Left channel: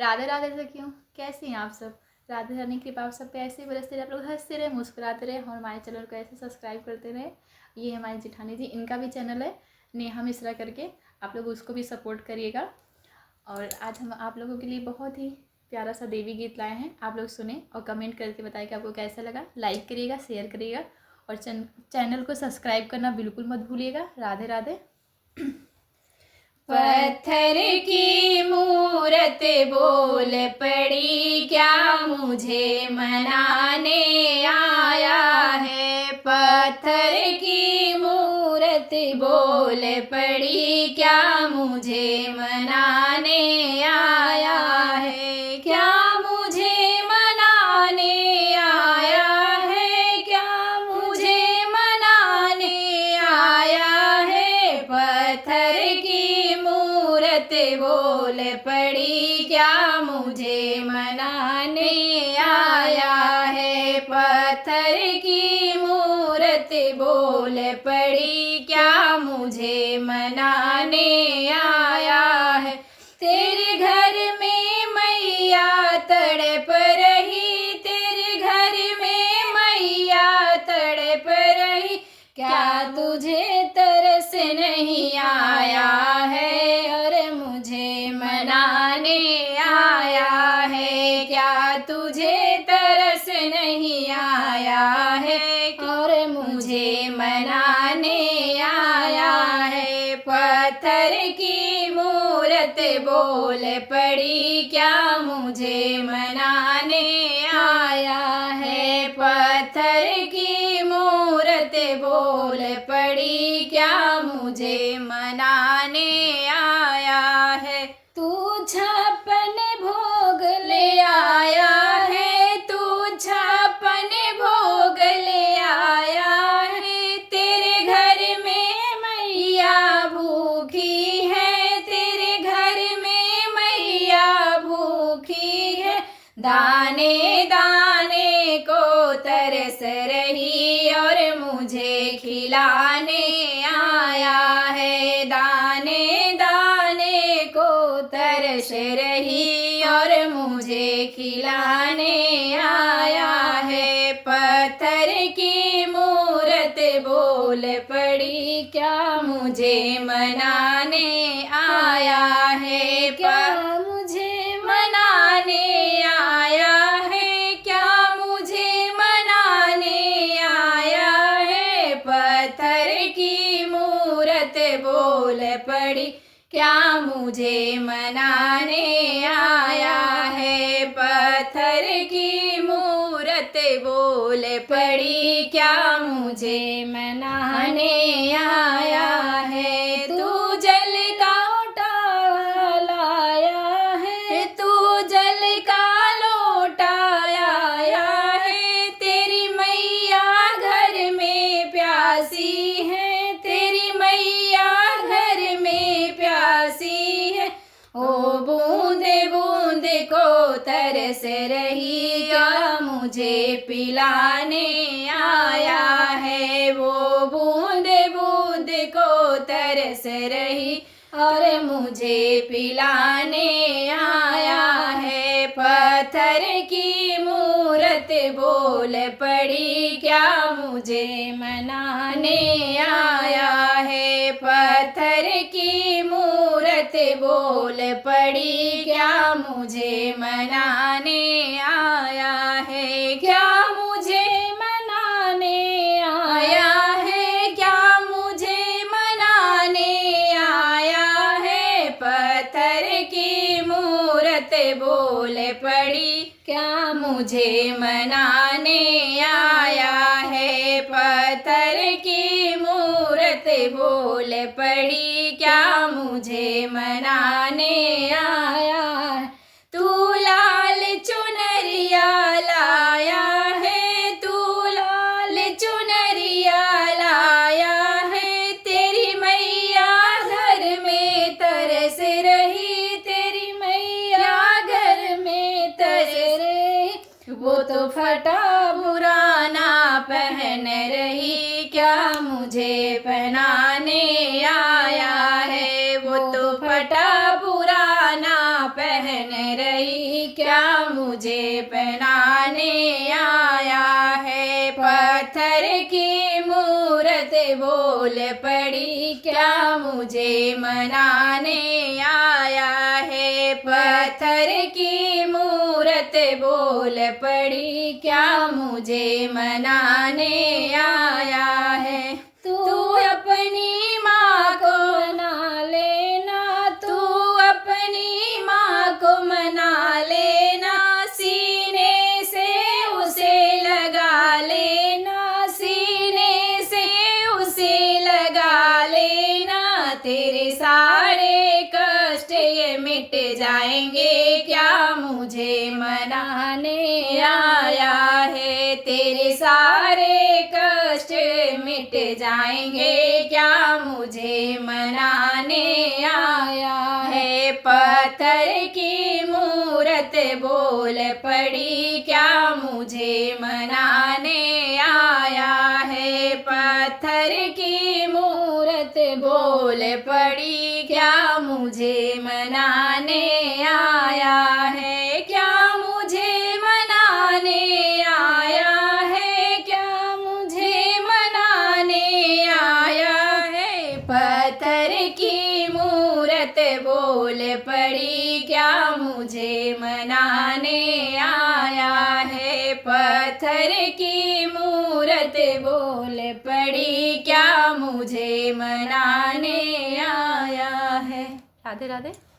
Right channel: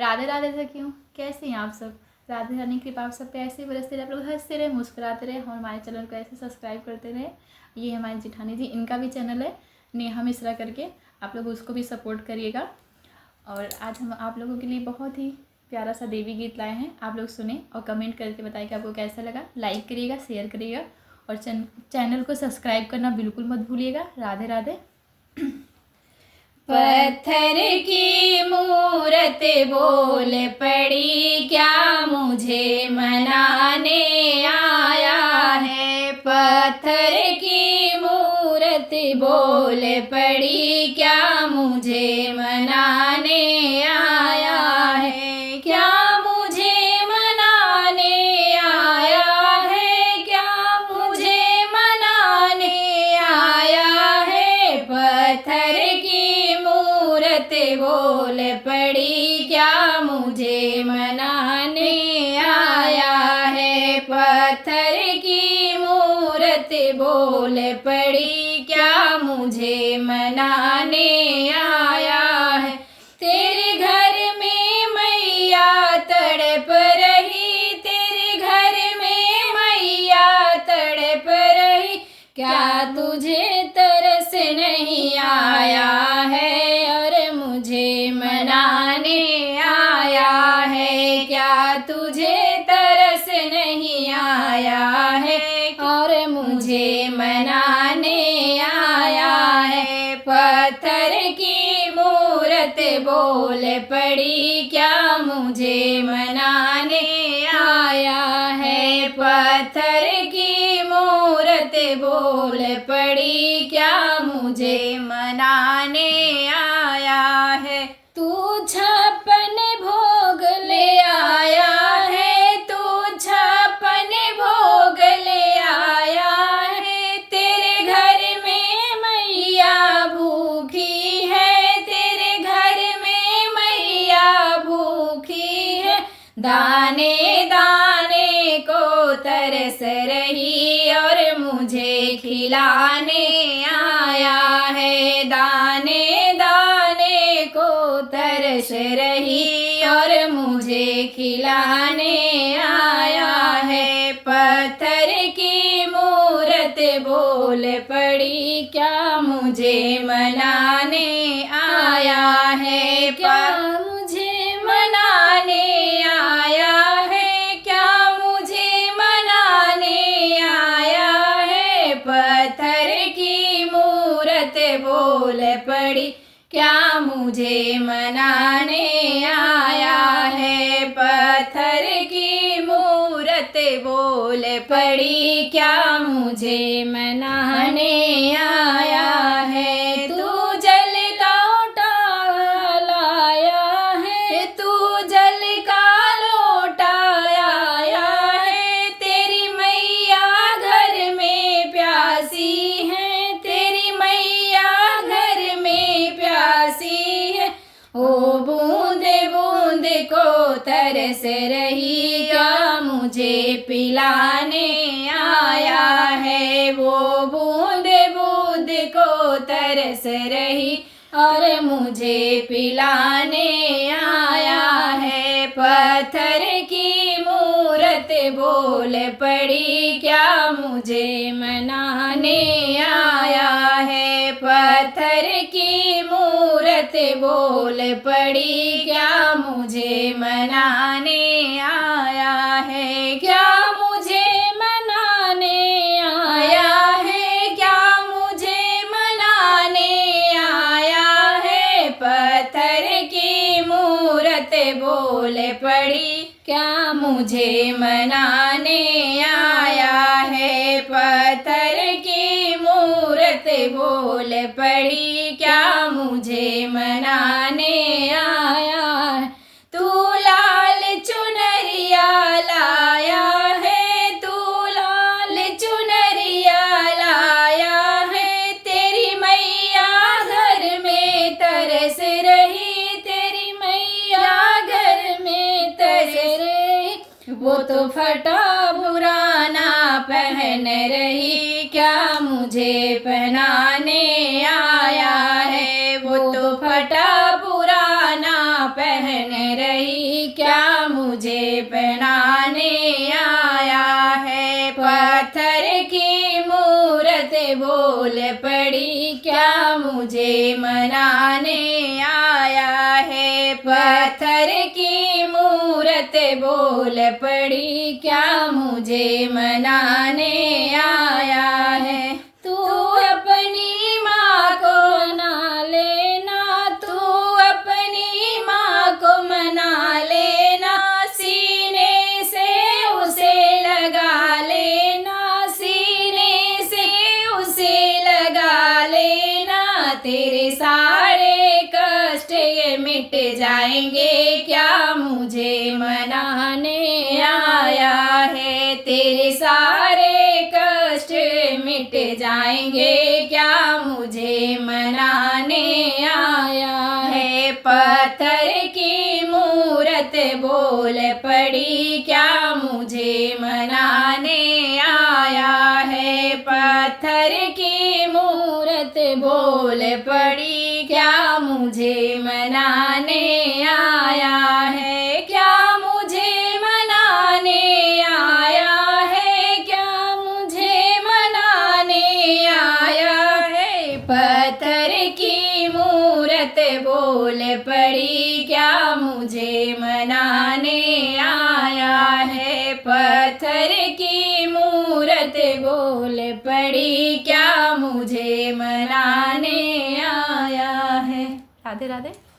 राधे राधे सखियों, कैसे हैं आप सब। राधे रानी की कृपा आप सब पे ऐसे ही बरसते रहे, आप लोग हंसते रहे, मुस्कुराते रहे और हमारे चैनल को ऐसे सब्सक्राइब करते रहे। ये हमारी जिठानी जी, इनका भी चैनल है नेहा मिश्रा करके, आप लोग उसको भी सपोर्ट करिएगा। और आज हम आप लोगों के लिए बहुत ही प्यारा सा देवी गीत लाए हैं, आप लोग सुने और कमेंट करके बताइए कि आपको कैसा लगा। लाइक करिएगा, शेयर करिएगा और चैनल को सब्सक्राइब करना बिल्कुल मत भूलिएगा। राधे राधे। पत्थर की मूरत बोल पड़ी, क्या मुझे मनाने आया है। पत्थर की मूरत बोल पड़ी, क्या मुझे मनाने आया है। क्या मुझे मनाने आया है, क्या मुझे मनाने आया है। पत्थर की बोल पड़ी, क्या मुझे मनाने आया है। पत्थर की मूरत बोल पड़ी, क्या मुझे मनाने आया है। तेरे घर में मैया तड़प रही, तेरे घर में मैया तड़प रही, क्या तुझे तरस नहीं आया है। मनाने आया है, क्या तुझे तरस नहीं आया है। और मुझे मनाने आया है। पत्थर की मूरत बोल पड़ी, क्या मुझे मनाने आया है। पत्थर की मूरत बोल पड़ी, क्या मुझे मनाने आया है। तू छप्पन भोग ले आया है, तू छप्पन भोग ले आया है। तेरे घर में मैया भूखी है, तेरे घर में मैया भूखी है। दाने दाने को तरस रही और मुझे खिलाने आया है। दाने दाने को तरस रही और मुझे खिलाने आया है। पत्थर की मूरत बोल पड़ी, क्या मुझे मनाने आया है। क्या मुझे मनाने आया है, क्या मुझे मनाने आया है। पत्थर की मूरत बोल पड़ी, क्या मुझे मनाने आया है। पत्थर की मूरत बोल पड़ी, क्या मुझे मनाने आया है। तू जल का लोटा लाया है, तू जल का लोटा लाया है। तेरी मैया घर में प्यासी है, तेरी मैया घर में प्यासी है। ओ बूंदे बूंदे को तरस रही, क्या मुझे पिलाने आया है। वो बूंदे बूंदे को तरस रही और मुझे पिलाने आया है। पत्थर की मूरत बोल पड़ी, क्या मुझे मनाने आया है। पत्थर की मूरत बोल पड़ी, क्या मुझे मनाने आया है। क्या मुझे मनाने आया है, क्या मुझे मनाने आया है। पत्थर की मूरत बोल पड़ी, क्या मुझे मनाने आया है। पत्थर की मूरत बोल पड़ी, क्या मुझे मनाने आया है। तू लाल चुनरिया लाया है, तू लाल चुनरिया लाया है। तेरी मैया घर में तरस रही, तेरी मैया घर में तरस रही। वो तो फटा पुराना पहन रही, क्या मुझे पहनाने आया है। वो तो फटा पुराना पहन रही, पड़ी, क्या मुझे पहनाने आया है। पत्थर की मूरत बोल पड़ी, क्या मुझे मनाने आया है। पत्थर की मूरत बोल पड़ी, क्या मुझे मनाने आया है। तू अपनी माँ को मना लेना, तू अपनी माँ को मना लेना, सीने से उसे लगा लेना, सीने से उसे लगा लेना। तेरे सारे कष्ट ये मिट जाएंगे, क्या मुझे मनाने आया है। तेरे सारे कष्ट मिट जाएंगे, क्या मुझे मनाने आया है। पत्थर की मूरत बोल पड़ी, क्या मुझे मनाने आया है। पत्थर की मूरत बोल पड़ी, क्या मुझे मनाने आया है। क्या मुझे मनाने आया है, क्या मुझे मनाने आया है। पत्थर की मूरत बोल पड़ी, क्या मुझे मनाने आया है। पत्थर की मूरत बोल पड़ी, क्या मुझे मनाने आया है। राधे राधे।